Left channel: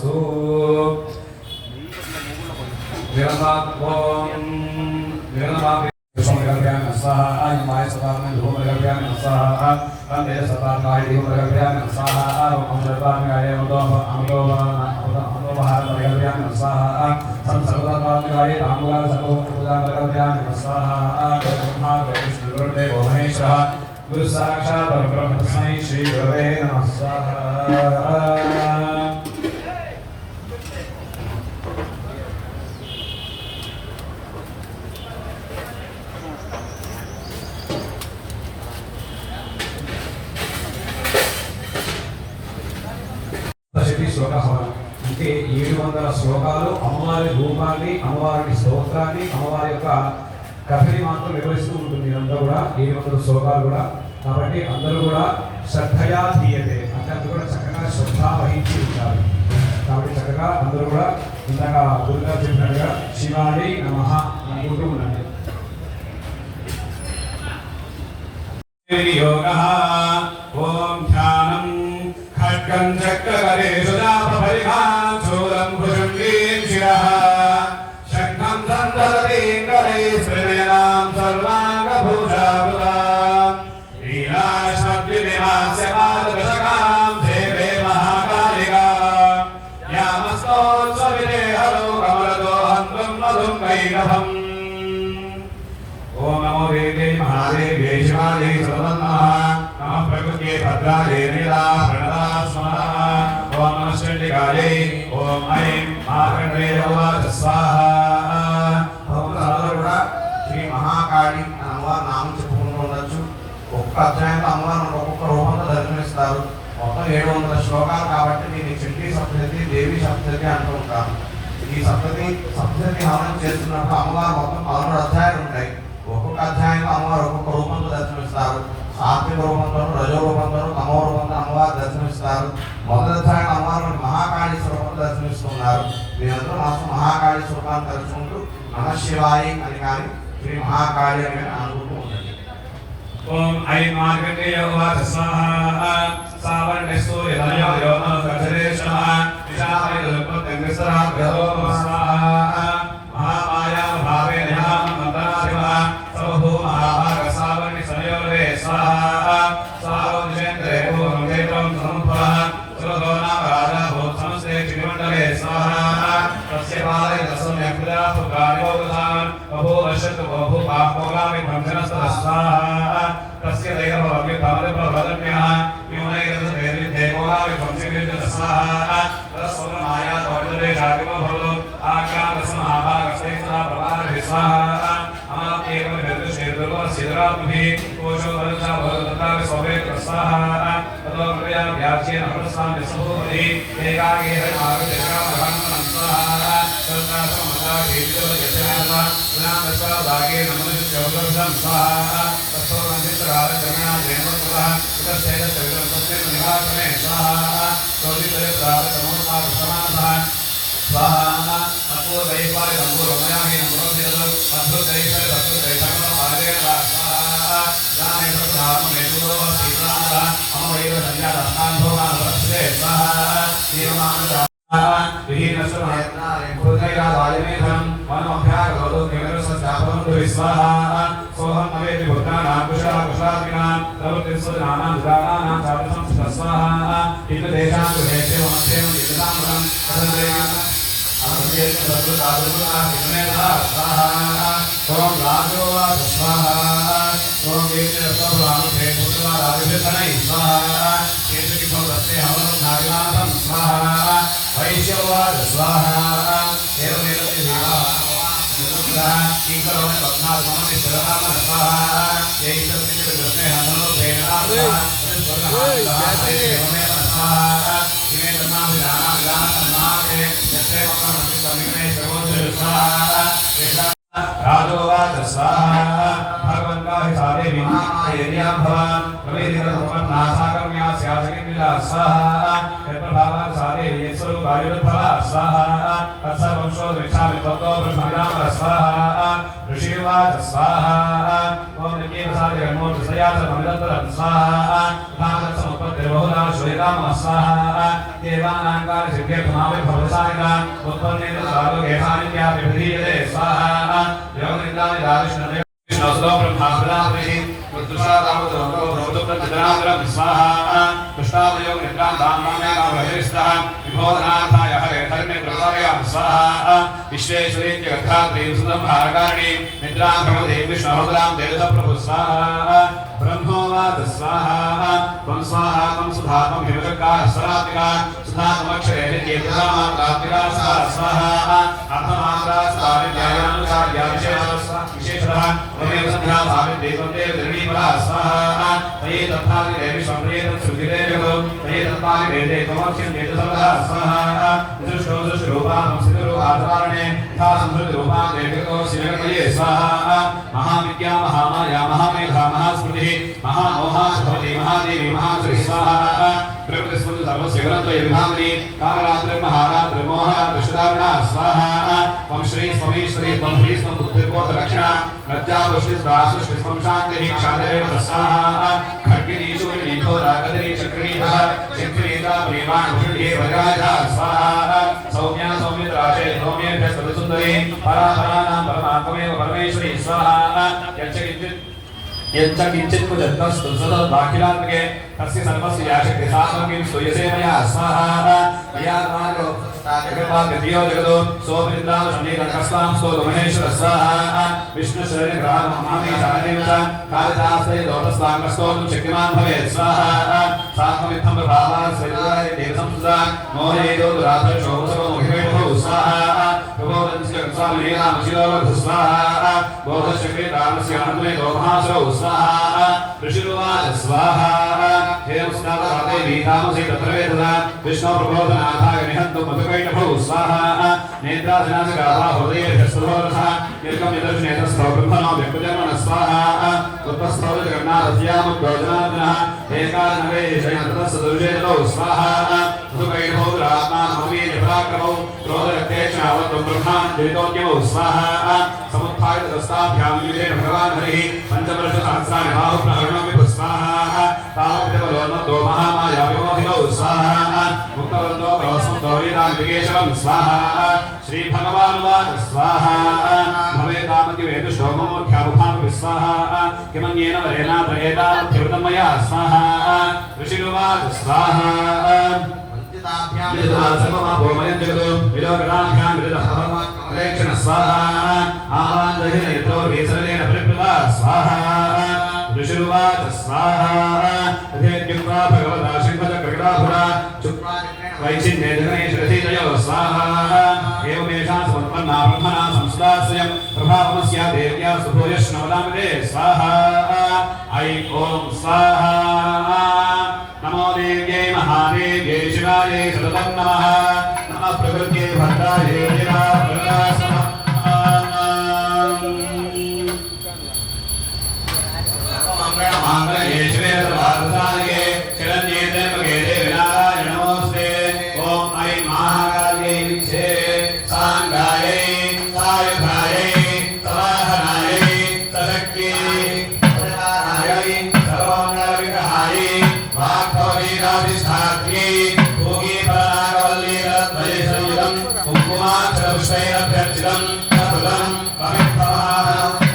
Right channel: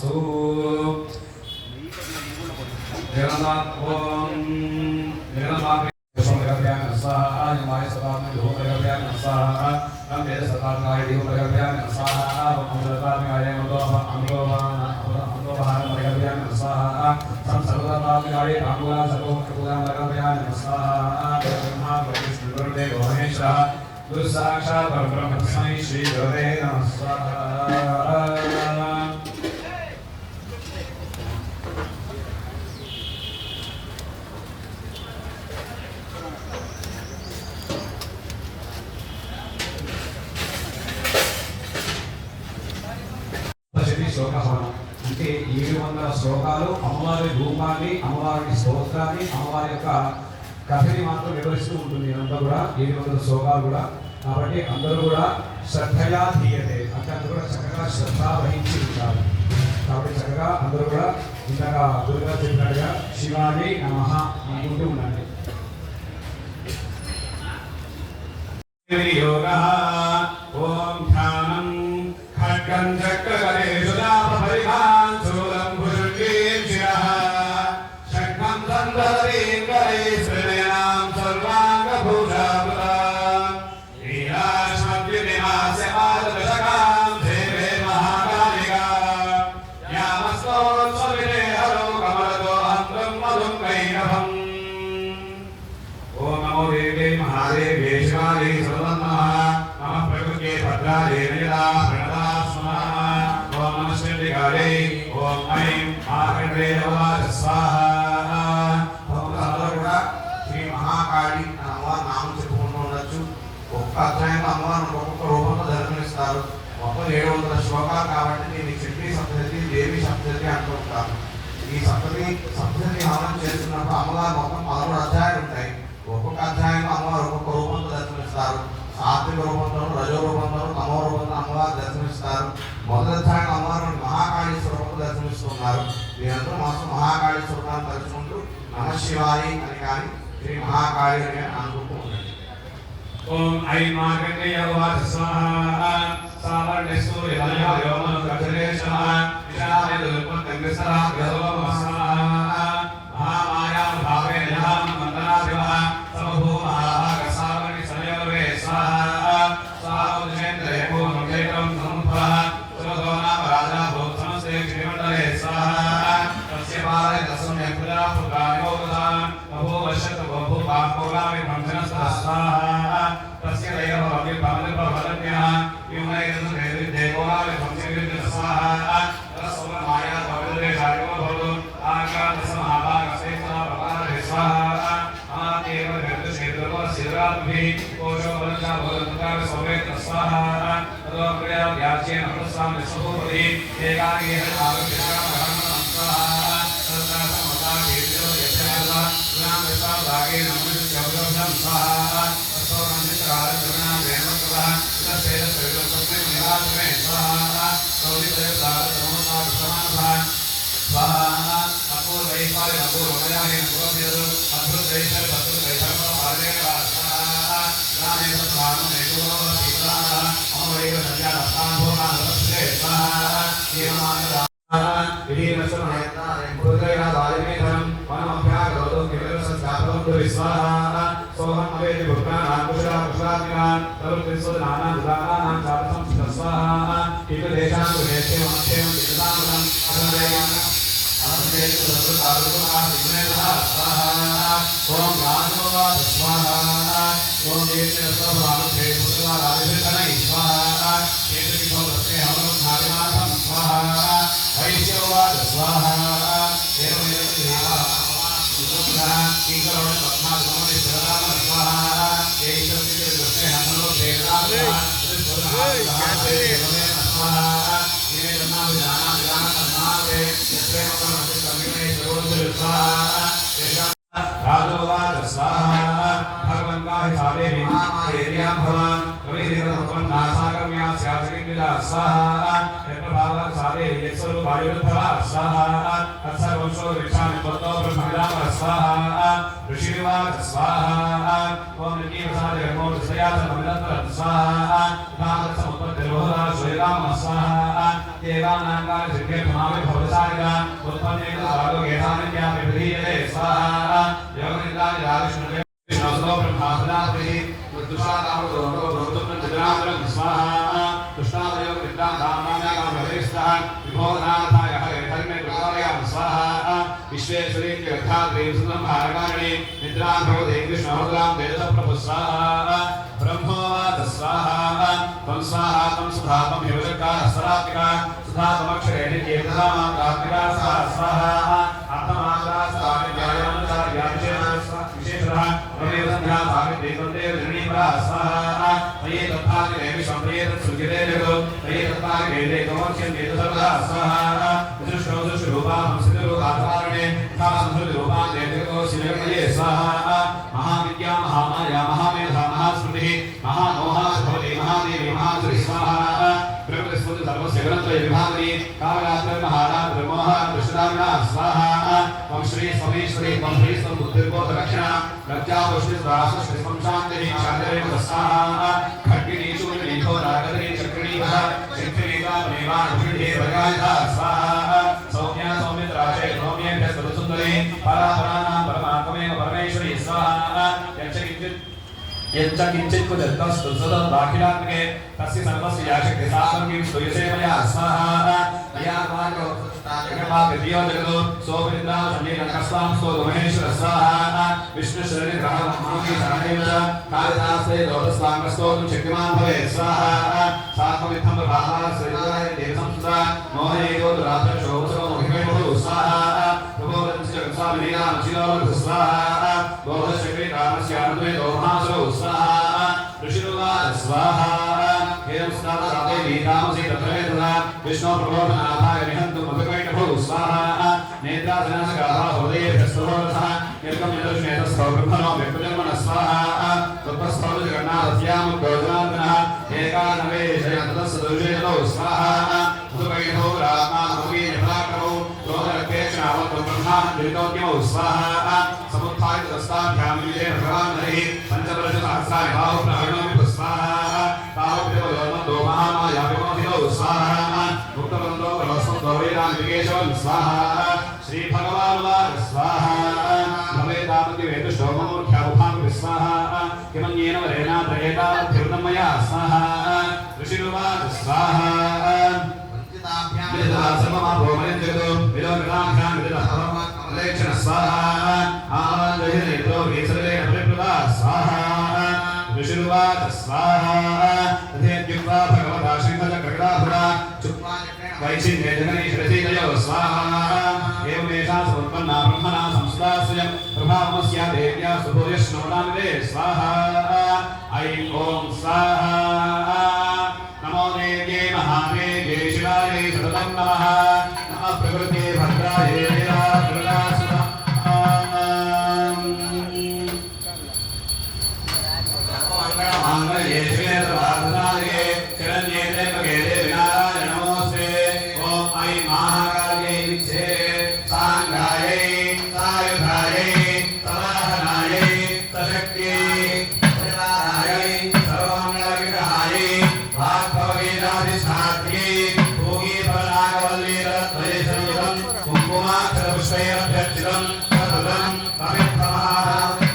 तदस्तु स्वाहा सदात्म धूम स्वाहा वंदे सदात्माय धूम स्वाहा अमृताय अमृतोपहार स्वाहा सर्वदात्माय आमूला सर्वोपदान स्वाहा ब्रह्मा विष्णु गुरुदेव महेश्वरः गुरु साक्षात् परब्रह्म तस्मै श्री गुरवे नमः स्वाहा అంటే 700 శ్లోకాలు అమ్మవారి రూపాన్ని అమ్మవారికి స్తోత్రాన్ని అమ్మవారి యొక్క కథని మాత్రం వివరిస్తూ ఉంటుంది. ఇదంతా కూడా 700 శ్లోకాలు కూడా. కాబట్టి అందరూ కూడా శ్రద్ధయా ధీయతే అంటే అందరూ కూడా చక్కగా శ్రద్ధ వహించి ఉంటారు. కాబట్టి చక్కగా అందరూ కూడా ఇందాక గురుగారు చెప్పినట్టుగా శివాని నమః అనుకుంటూ ఉండండి. యోగః ఓం ధ్యానం ఖడ్గం చక్రకరే సుదాపరిహాన్ శూలం భుజంగీం శిరః శంఖం సందరతీం కరై శ్రీనాం సర్వాంగభూషావృతాం వీరాశబ్దినాస్యమాదృశకాం దేవే మహాకాళికా యామస్తోత్సవిదే హరో కమలతో హంతం మధుం కైరభం. ఓం నమో దేవే మహాదేవ్యే శివాలే సర్వన్నః నమః ప్రకృత్యే భద్రాయే నీలా ప్రణతా స్వాహ. ఓం నమః చండికాయై ఓం ఐం ఆకటే అవాచ స్వాహ. అందరూ కూడా శ్రీ మహాకాళి అని అమ్మవారి నామం చెప్పుకుంటూ ఉండొచ్చు. ఒక్క అధ్యాయంలో అమ్మవారిని ఒక్కొక్క రూపంలో దర్శనమిస్తారు. మొత్తం 700 శ్లోకాలు కాబట్టి దీన్ని చండీ సప్తశతి దేవి సప్తశతి అంటూ ఉంటారు. ఈ సప్తశతి హవనం చేస్తున్నప్పుడు అమ్మవారు మొత్తం 13 అధ్యాయాలు ఉంటాయి. ఒక్కొక్క అధ్యాయంలో అమ్మవారు ఒక్కొక్క రూపంతో దర్శనమిస్తారు. సాత్విక రూపంలో, రజో రూపంలో, తమో రూపంలో అమ్మవారు దర్శనమిస్తారు. మొదటి అధ్యాయంలో అమ్మవారు మహాకాళి స్వరూపంలో దర్శనమిస్తున్నారు. మీరందరూ మాత్రం మహాకాళి స్వరూపాన్ని తలుచుకుంటూ నమః శివాయ అని కానీ శ్రీ మహాకాళి అని అనుకుంటూ ఉండండి. ఓం ఐం ఆకటే అవాచ స్వాహ. సావరణ్యస్తు యదయోనో గజరేశః నిశామయ దుల్పత్యంగసరా గదో స్వాహ. మహామాయాం భావే నిహాం మంతనాధిప సర్వభూమాభాగ సావరణి సంయోగే స్వాహ. స్వాహం దిశేంద్రే పూర్ణం చైత్రం సముద్భవః సురదోనామ రాజా భూత సమస్తే క్షితిమండలే స్వాహ. తస్య పాదై తస్మై ప్రజా పుత్రాయోగదాన్ బహువర్షత్ బహుపాపోలామి పంచనస్తః స్వాహ. తస్య దేవభవమి భవతిర్భవదన్యః న్యూనైర్దేవి దేవోలామి పంచవిద్యః స్వాహ. తస్సోమాయా భవదే జాతిమో భవతు ఆకాశమహాభాగసేన ప్రపాదః స్వాహ. అమలత్యేవ నిర్దుషేర్దుర్వ శిరాత్మభి కోశో వరజా భవదంతావి సౌవేత స్వాహ. తదో ప్రయా వ్యాజ్యేన ప్రస్థాన సభూపతి ఏకాకేహ ఆగతేకామహంనం స్వాహ. తత్తాసమతా దేవిదో యశేన గుణాం స్వాదాగే నమః జగదం స్వాహ. తత్తో మంత్రాల జగనా దేవత్వః తస్యైన సవితస్య నిరాసనే స్వాహ. సౌదిపదే ప్రార సమోనాద సమానః స్వాహ. అపూర్వైపాలి సంపూర్ణమయామి నమోదేదో అద్భుతైపరి అద్భుతైపరమ ఆరేణ స్వాహ. దానే సత్రామ మేకులో శ్రీనాథ అమరైవ సంజాతాంభోనాన వరస్తే స్వాహ. జీవనాన सोहम अवेदि भूतानां कुशलाकुशलात्मिनां सर्वतीर्थनानां दुरानां साधनं स्वाहा. इति देशां कुहेते मक्षेम दिक्तामनं असंदेयं असंदेयं सर्वदादुना दिनेना स्वाहा. ओम राजोवा स्वाहा. ओम देवते सर्वानु प्रेतुवा राजभितनै स्वाहा. केतुकि भवतस्य हवनं नागनाथं स्वाहा. वैश्यवा स्वाहा. देवदेव स्वाहा. कीकरोण पद्मासमति सर्वान् स्वाहा. येषुचित दृष्टे हनुमो प्रेणाः स्वाहा. इमे धर्माभिधानां विधानान्नामे यस्ते वक्त्रमपि समीपे सर्वोदय स्वाहा. राजोवाच स्वाहा. भगवन्ताहि सारे विनाशेर्यां भवान् प्रवेदितमपं नासाकर्म्या स्याचकिला स्वाहा. यत्प्रभावः सारे यत्स्वरूपायुर्भवः स्वाहा. तत्सर्वंशो विक्षामि तत्तो ब्रह्मविदाम स्वाहा. ऋषिवाच स्वाहा. ओम नृत्यवसादे नमो दशयात ममिदत्तर स्वाहा. तथा तत्समुत्पत्तिर् बहुधा श्वेतामः स्वाहा देवानांकार सिद्धे पुनामि भवसायिका उत्पन्ने सारो गेहानिया विधीयते स्वाहा योगनिंदानि राजष्णवे विष्णुसुतो ब्रह्मास्पदाभिः उत्तुष्टादामतो ब्रह्मदुप्रतिदानम् स्वाहा तुष्टादयोग निद्रां दाम्नायामहरिस्तः विभोधनार्थाय हरे धर्मे प्रभावयामि स्वाहा विश्वेश्वरीत्य गद्धात्रीं सुतं भारकारिणी निद्रां भगवते विष्णुहृदयां देवतप्रभु स्वाहा ब्रह्मोवाच स्वाहा त्वं स्वाहा त्वं सुधा त्वं हिमशक्कार स्वरात्मिका सुधा त्वमक्षरे नित्येतसामात्रात्मिका स्वाहा अर्थमात्रा विशेषतः वमेदध्या सावित्री त्वं देवधरणीपरा स्वाहा तये तत्थानि देवी स्वप्रे तत्सुखिते जगो तये तत्पानि वेदे त्वमक्षं चेतसः स्वाहा दृष्टोदृशरूपा संस्थितरूपाधारणे यथा संस्कृतरूपां देवको शिवकमये स्वाहा महाविद्या महामाया महामेधा महास्मृतिः महामोहा भवति महादेवी महाश्री स्वाहा प्रकृतिस्मृति सर्वस्य ग्रन्थय विभावनी कालरात्र महारात्र मोहरात्र शुदारणा स्वाहा त्वं श्री स्वमेश्वरी त्वं श्री स्वं बुद्धिर्बोध रक्षणा प्रज्ञापुष्टिस्रासुष्टि स्वं शान्तिः शान्तिरेव स्वाहा खड्गिनी शूलिनी घोरागदिनी चक्रीभः चक्रीता प्रेमानुषुधे वज्राजा स्वाहा सौम्या सौमित्राचे सौम्येभ्यः सर्वसुन्दरी परापराणां परमात्ममेव परमेश्वरी स्वाहा यच्चकिञ्चित् कुजत्तस्तु सददाखिलात्मके तस्य सर्वस्य याशक्ति सामग्रीं स्तूयसे मया स्वाहा यात्मानो जगद्भाग्यप्रियो जगतो सोपरिन्द्रां सन्निधनकस्वां स्तोतु महेश्वर स्वाहा विष्णुशरीरग्रहमहामीशानेन च कालिदासे लोटस्वाङ्गस्तोतुं शक्तिमान् भवेत् स्वाहा सात्मविद्धं प्रभावः स्वैराय देवसंस्था मोहयेदो दुराधर्षोऽवसरो मोहिमेभो स्वाहा प्रबोधस्य स्वामिनामचिलोलभु स्वाहा बोधशक्रे रामस्य अन्वयतो महासरौ स्वाहा ऋषिरुवाच स्वाहा एवं स्नातराते वीतामसि तत्रवेदना विष्णु प्रबोधनाथाय निहन्तु मधुकैटभौ स्वाहा नेत्रासनासकाभा हृदयेभ्यस्तभोरथः यर्कं यदर्शनेतस्थो ब्रह्मणो व्यक्तजन्मनः स्वाहा उत्पस्थौ जगन्नाथस्यामुद्गोजनात्मनः एकानवे शयन्ततस्सदुषेतौ स्वाहा मधुकैटभौ रात्मानमवीर्य पराक्रमौ क्रोधरक्तेक्षणावत्वं ब्रह्मान् द्वितोद्यमौ स्वाहा समुत्थाय तदस्ताभ्यां विजय भगवान् हरिः पञ्चवर्षसहस्राणि बाहुप्रहरणोऽपि स्वाहा तामपितमलोन्मत्तो महामाया विमोहितौ स्वाहा मुक्तवन्तो भवस्वन्तो वीरान्तिकेशवं स्वाहा श्रीभगवानुवाच स्वाहा भवेदामतिवेद शोभोख्यामुखानुः स्वाहा किमन्येन वरेणात्र एतावद्धिवृतं मया स्वाहा ऋषिरुवाच स्वाहा ऋषिरुवाच स्वाहा तथेत्युक्त्वा भगवता श्रीमद्गरुडाभुरा वैचिन्ये जगनेश्वरसीतयो स्वाहा एवमेषा समुत्पन्ना ब्रह्मणा संस्था स्वयं प्रभावमस्या देव्या सुभूयश्नवदामिते स्वाहा ऐ ॐ स्वाहा नमो देव्यै महादेव्यै शिवायै सततं नमः नमः प्रकृते भद्रायै मंगलये शिवे सर्वार्थसाधके शरण्ये त्र्यंबके देवी नारायणे नमोऽस्ते ॐ ऐं महाकाल्यै विद्ये साङ्गायै सायुधायै सवाहनायै सशक्त्यै सदानायै सर्वमङ्गलविग्रहायै वाग्भववेदाधिष्ठात्र्यै भोगीफलनागवल्लीरद्वयसंयुतं कुङ्कुमाक्षरपुष्पैरभ्यर्चितं सततं पवित्रमहाफलं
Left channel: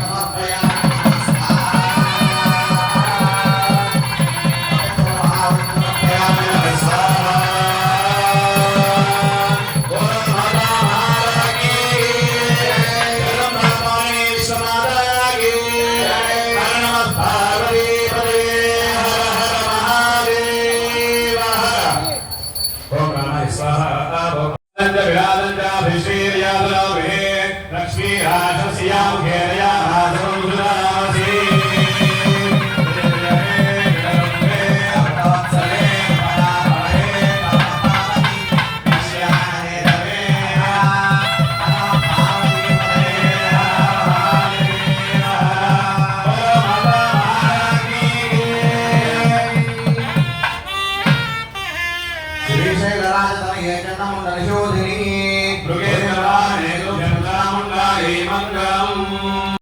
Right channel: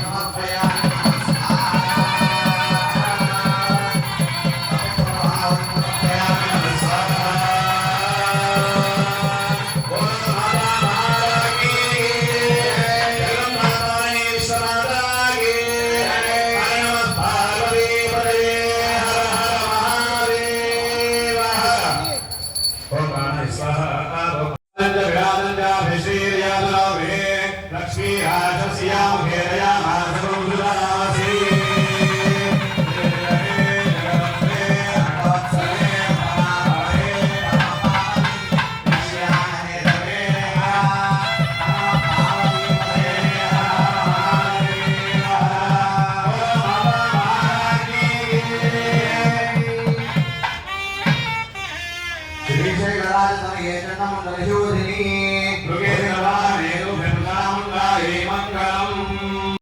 श्रीशैलराजतनये चण्डमण्डलशोधिनी